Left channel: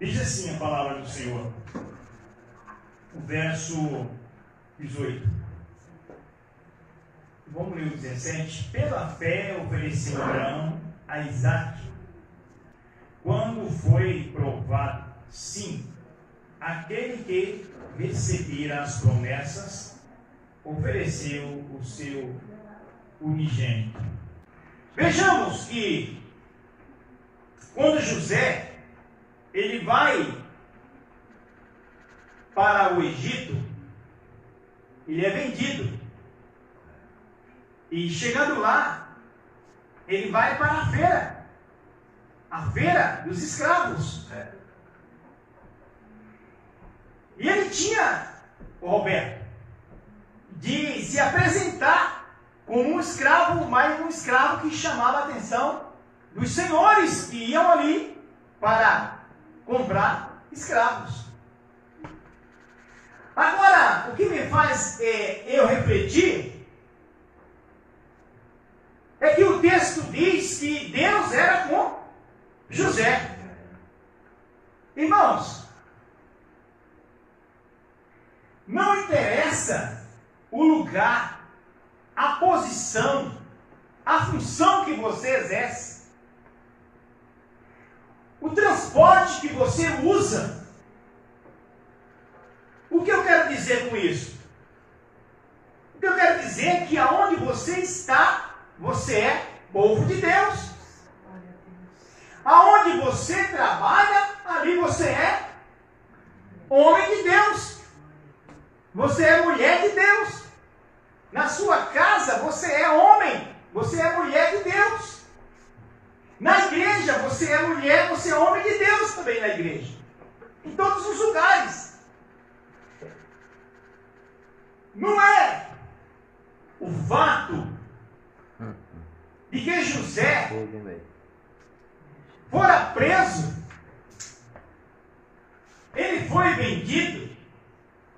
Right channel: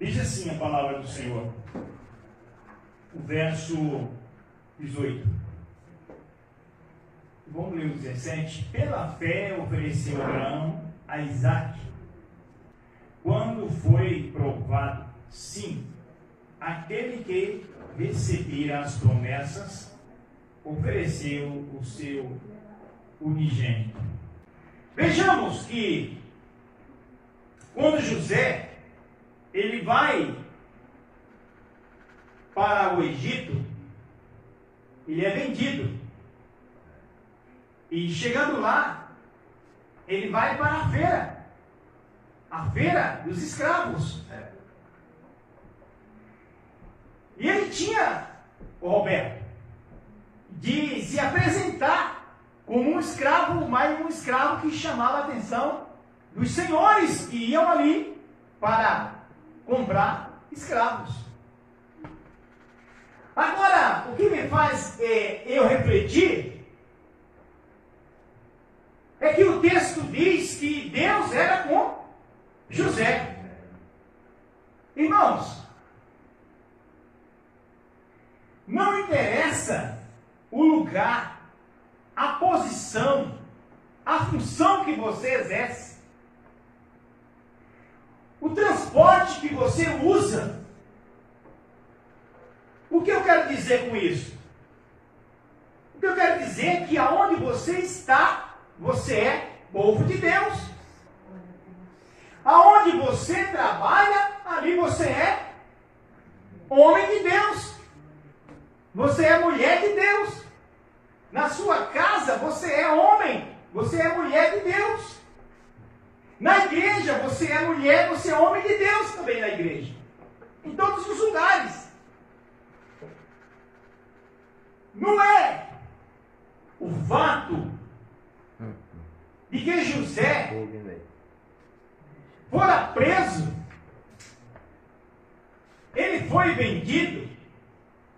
Diz assim a palavra do Senhor, o verso 18. Vamos ler o 17. Pela fé ofereceu Abraão a Isaque, quando foi provado, sim, aquele que recebera as promessas, ofereceu o seu unigênito. Vejamos que quando José ele vai para o Egito, ele é vendido. E chegando lá, ele vai para a feira dos escravos. E ele tinha, o Roberto, de se apresentar como um escravo, mas um escravo que chamava a atenção dos senhores que iam ali para comprar escravos. Agora, o que me faz eu refletir é que o texto diz que Deus era com José. Irmãos, não interessa o lugar, a posição, a função que você exerce, o transporte que você usa. O que eu quero dizer com isso? O que eu quero dizer é que aonde você está, você é povo de Deus. Aonde você trabalha, ali você é homem de Deus. Você é mulher de Deus. Na sua casa, você é homem, você é mulher de Deus. Na igreja, você é mulher, você é homem de Deus também na igreja. Em todos os lugares. Não é o fato de que José fora preso, ele foi vendido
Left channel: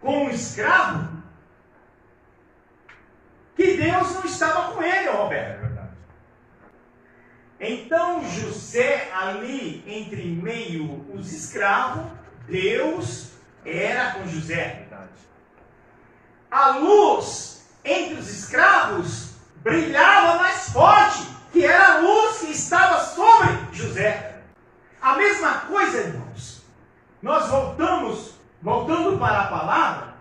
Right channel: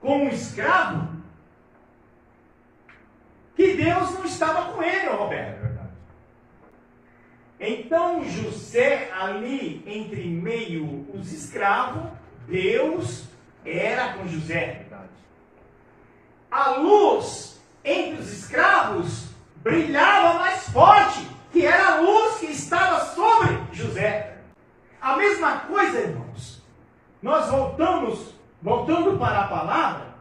como um escravo, que Deus não estava com ele, Roberto. É verdade. Então José ali entre meio os escravos, Deus era com José. É verdade. A luz entre os escravos brilhava mais forte, que era a luz que estava sobre José. A mesma coisa, irmãos. Nós voltando para a palavra,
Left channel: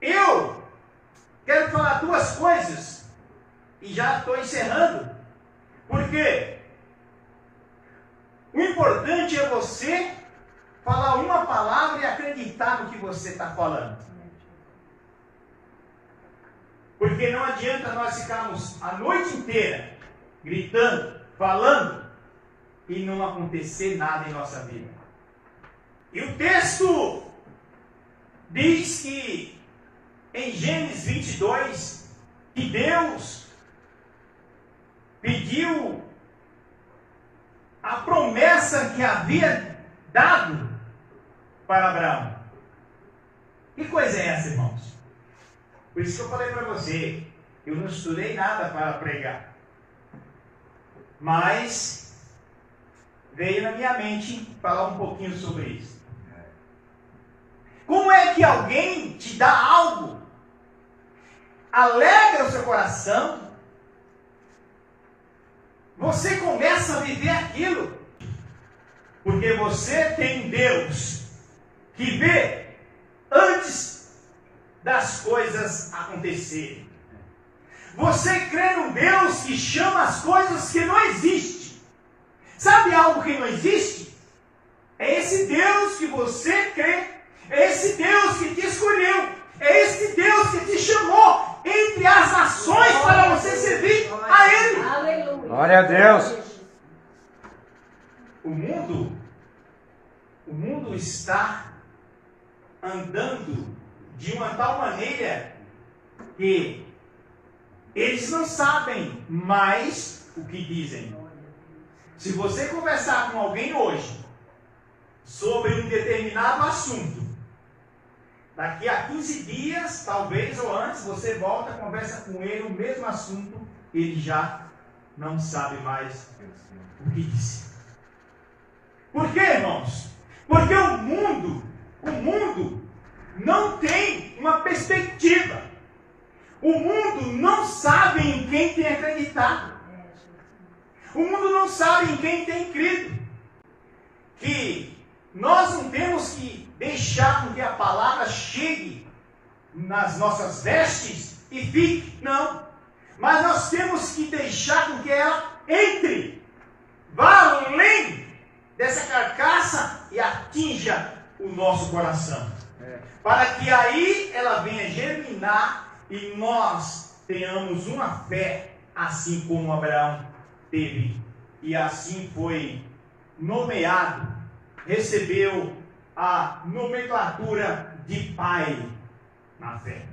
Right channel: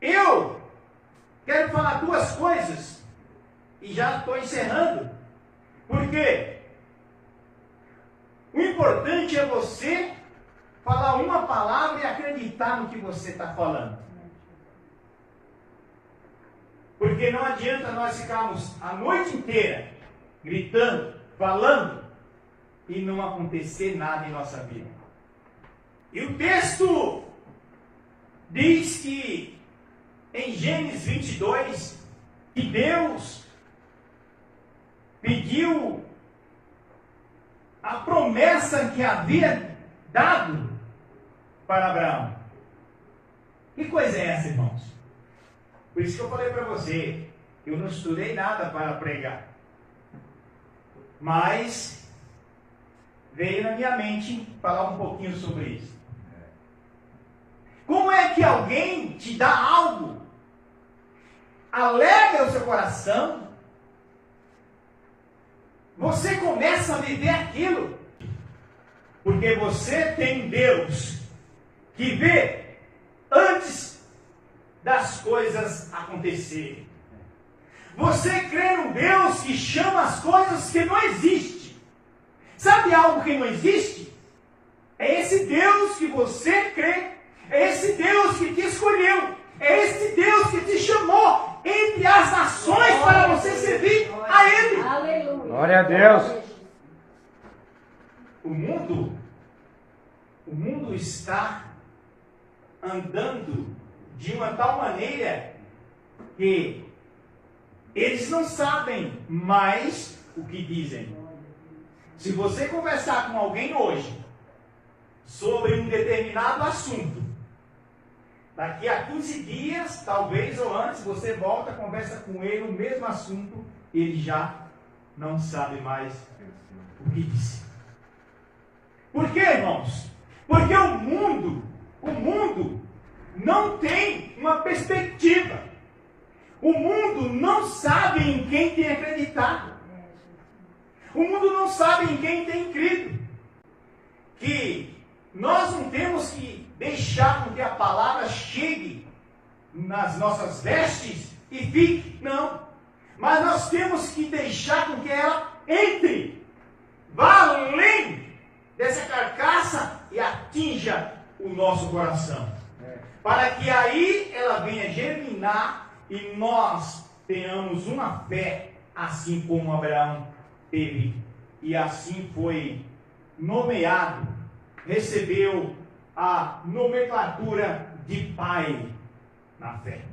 eu quero falar duas coisas, e já estou encerrando, porque o importante é você falar uma palavra e acreditar no que você está falando. Porque não adianta nós ficarmos a noite inteira gritando, falando, e não acontecer nada em nossa vida. E o texto diz que em Gênesis 22, que Deus pediu a promessa que havia dado para Abraão. Que coisa é essa, irmãos? Por isso que eu falei para você, eu não estudei nada para pregar. Mas veio na minha mente falar um pouquinho sobre isso. Como é que alguém te dá algo, alegra o seu coração, você começa a viver aquilo, porque você tem Deus que vê antes das coisas acontecerem. Você crê num Deus que chama as coisas que não existem. Sabe algo que não existe? É esse Deus que você crê. É esse Deus que te escolheu. É esse Deus que te chamou entre as nações para você servir a Ele. Aleluia. Glória a Deus. O mundo está andando de uma tal maneira que eles não sabem mais o que dizem. Se você conversar com alguém hoje sobre um determinado assunto, daqui a 15 dias, talvez ou antes, você volta, conversa com ele o mesmo assunto, ele já não sabe mais o que disse. Por quê, irmão? irmãos? Porque o mundo não tem uma perspectiva. O mundo não sabe em quem tem acreditado. O mundo não sabe em quem tem crido. Que nós não temos que deixar com que a palavra chegue nas nossas vestes e fique, não. Mas nós temos que deixar com que ela entre, vá além dessa carcaça e atinja o nosso coração. Para que aí ela venha germinar e nós tenhamos uma fé assim como Abraão teve. E assim foi nomeado, recebeu a nomenclatura de pai na fé.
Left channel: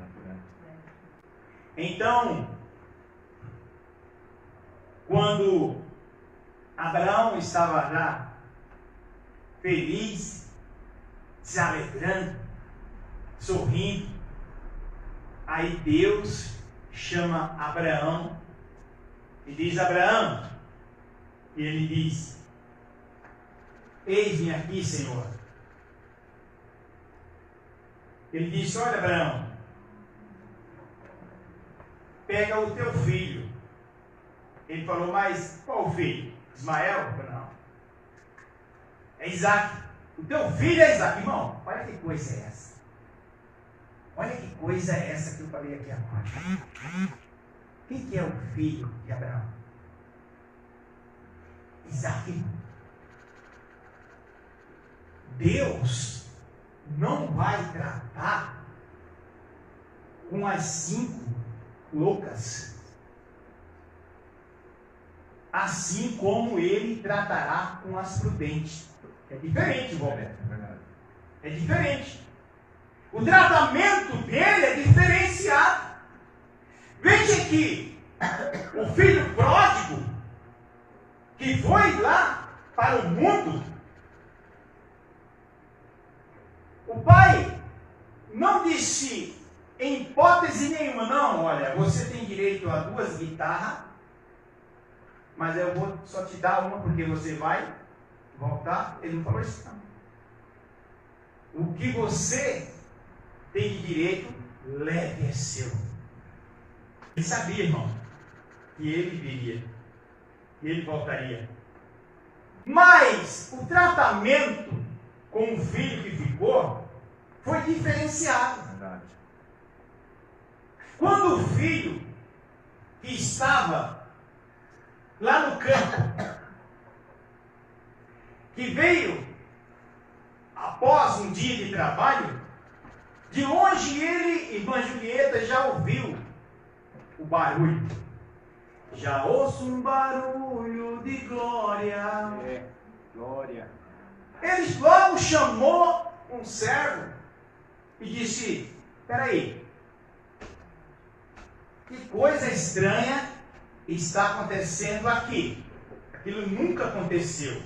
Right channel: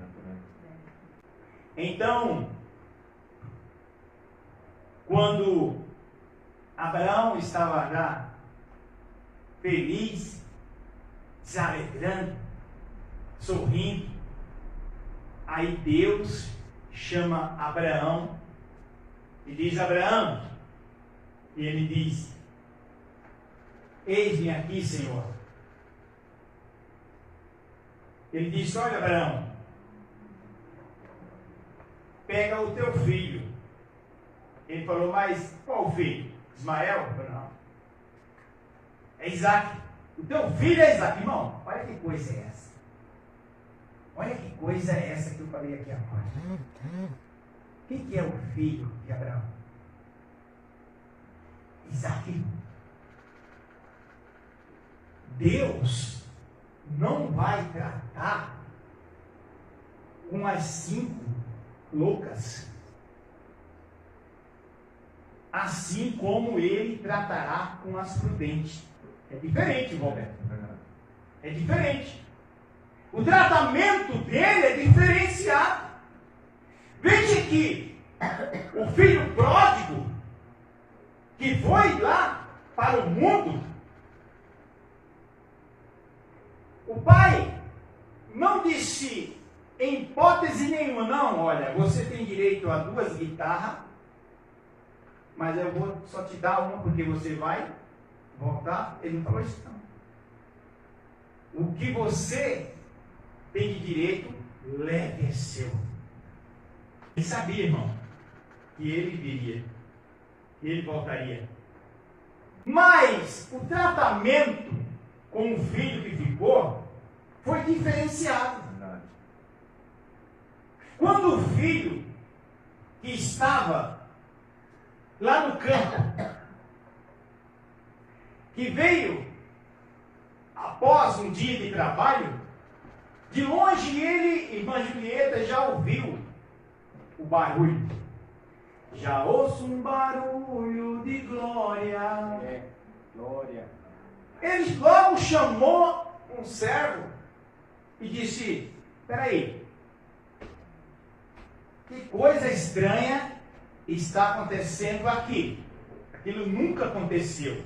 Então, quando Abraão estava lá, feliz, se alegrando, sorrindo, aí Deus chama Abraão e diz: Abraão, e ele diz: eis-me aqui, Senhor. Ele disse: olha, Abraão, pega o teu filho. Ele falou: mas qual filho? Ismael? Não. É Isaac. O teu filho é Isaac. Irmão, olha que coisa é essa. Olha que coisa é essa que eu falei aqui agora. Quem que é o filho de Abraão? Isaac. Deus não vai tratar com as 5 loucas assim como ele tratará com as prudentes. É diferente, Walter. É diferente. O tratamento dele é diferenciado. Veja que o filho pródigo que foi lá para o mundo, o pai não disse em hipótese nenhuma: não, olha, você tem direito a 2 guitarras, mas eu vou só te dar uma porque você vai voltar. Ele não falou isso, não. O que você tem de direito, leve, é seu. Ele sabia, irmão, que ele viria, que ele voltaria. Mas o tratamento com o filho que ficou foi diferenciado. Verdade. Quando o filho que estava lá no campo, que veio após um dia de trabalho, de longe ele, irmã Julieta, já ouviu o barulho. Já ouço um barulho de glória. É, glória. Ele logo chamou um servo e disse: peraí, que coisa estranha está acontecendo aqui. Aquilo nunca aconteceu.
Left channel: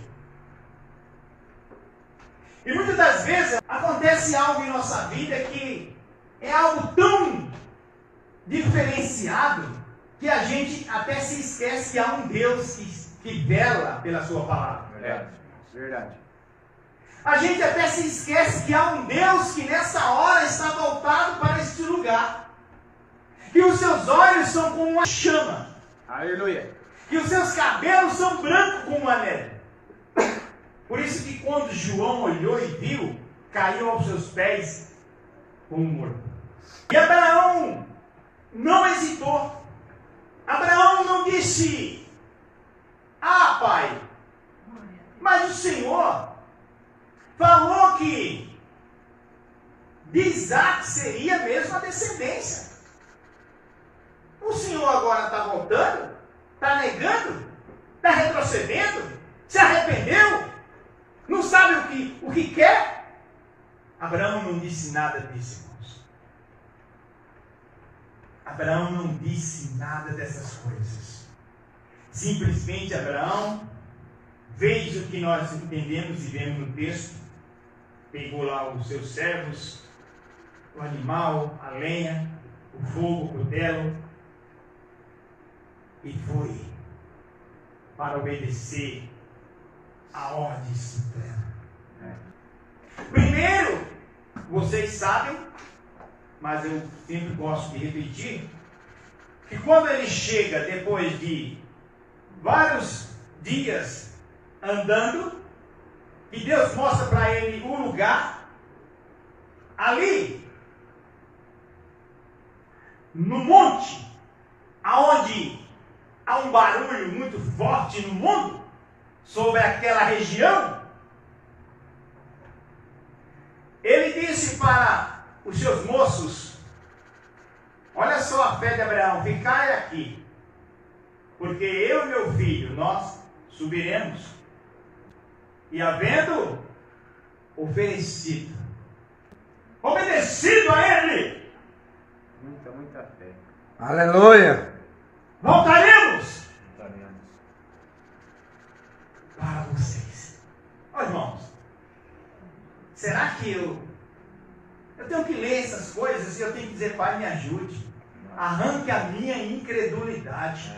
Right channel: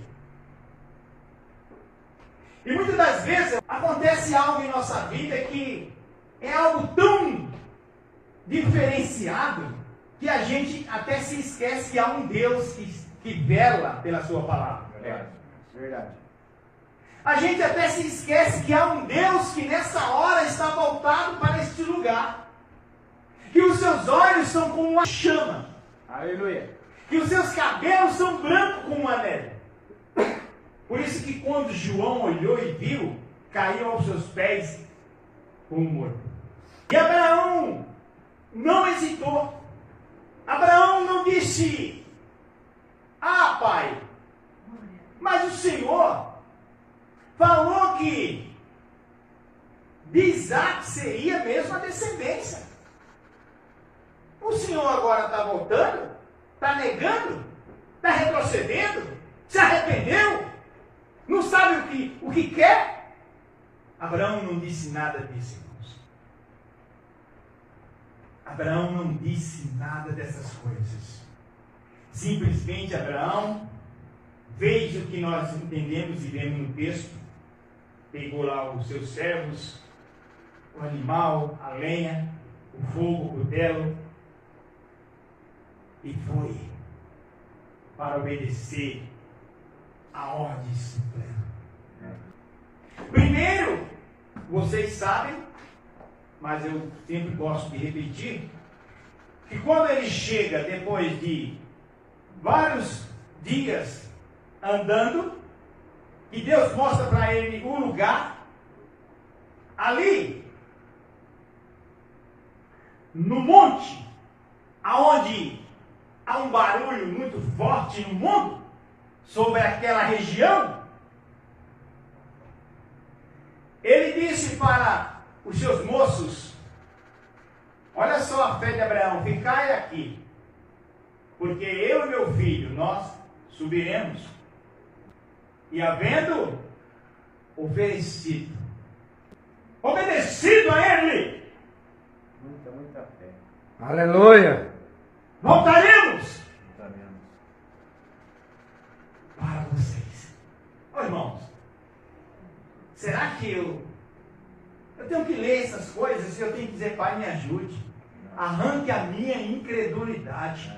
E muitas das vezes acontece algo em nossa vida que é algo tão diferenciado que a gente até se esquece que há um Deus que vela pela sua palavra. Verdade, verdade. A gente até se esquece que há um Deus que nessa hora está voltado para este lugar. Que os seus olhos são como uma chama. Aleluia. Que os seus cabelos são brancos como a neve. Por isso que quando João olhou e viu, caiu aos seus pés como morto. E Abraão não hesitou. Abraão não disse: ah, pai, mas o Senhor falou que de Isaac seria mesmo a descendência. O Senhor agora está voltando? Está negando? Está retrocedendo? Se arrependeu? Não sabe o que quer? Abraão não disse nada disso, irmãos. Abraão não disse nada dessas coisas. Simplesmente Abraão fez o que nós entendemos e vemos no texto. Pegou lá os seus servos, o animal, a lenha, o fogo, o cutelo, e foi para obedecer a ordem suprema. vocês sabem, mas eu sempre gosto de repetir, que quando ele chega depois de vários dias andando, e Deus mostra para ele o lugar, ali, no monte, aonde há um barulho muito forte no mundo, sobre aquela região, ele disse para os seus moços, olha só a fé de Abraão, ficai aqui, porque eu e meu filho, nós subiremos, e havendo obedecido a ele, Muita fé. Aleluia. voltaremos para vocês. Ó irmãos, será que eu tenho que ler essas coisas e eu tenho que dizer, Pai, me ajude, arranque a minha incredulidade,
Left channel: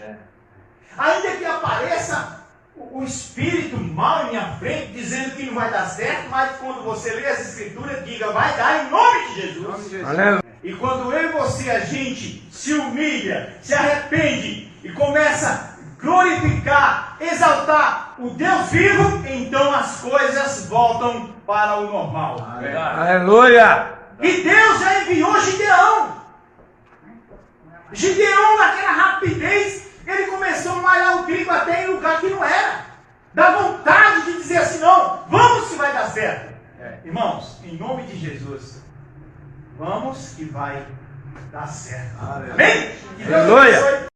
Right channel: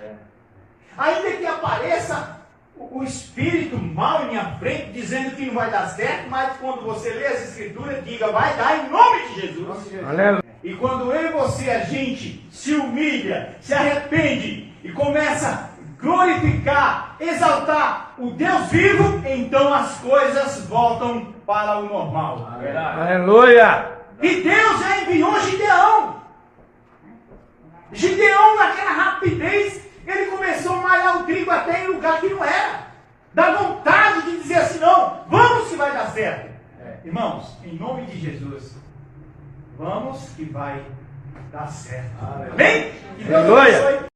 ainda que apareça o espírito mal em minha frente, dizendo que não vai dar certo, mas quando você lê as escrituras, diga, vai dar em nome de Jesus. Aleluia. E quando eu e você, a gente se humilha, se arrepende e começa a glorificar, exaltar o Deus vivo, então as coisas voltam para o normal. Aleluia. E Deus já enviou Gideão. Gideão, naquela rapidez, ele começou a malhar o trigo até em lugar que não era. Dá vontade de dizer assim, não, vamos que vai dar certo. Irmãos, em nome de Jesus, vamos que vai dar certo. Amém? Que Deus Aleluia. abençoe.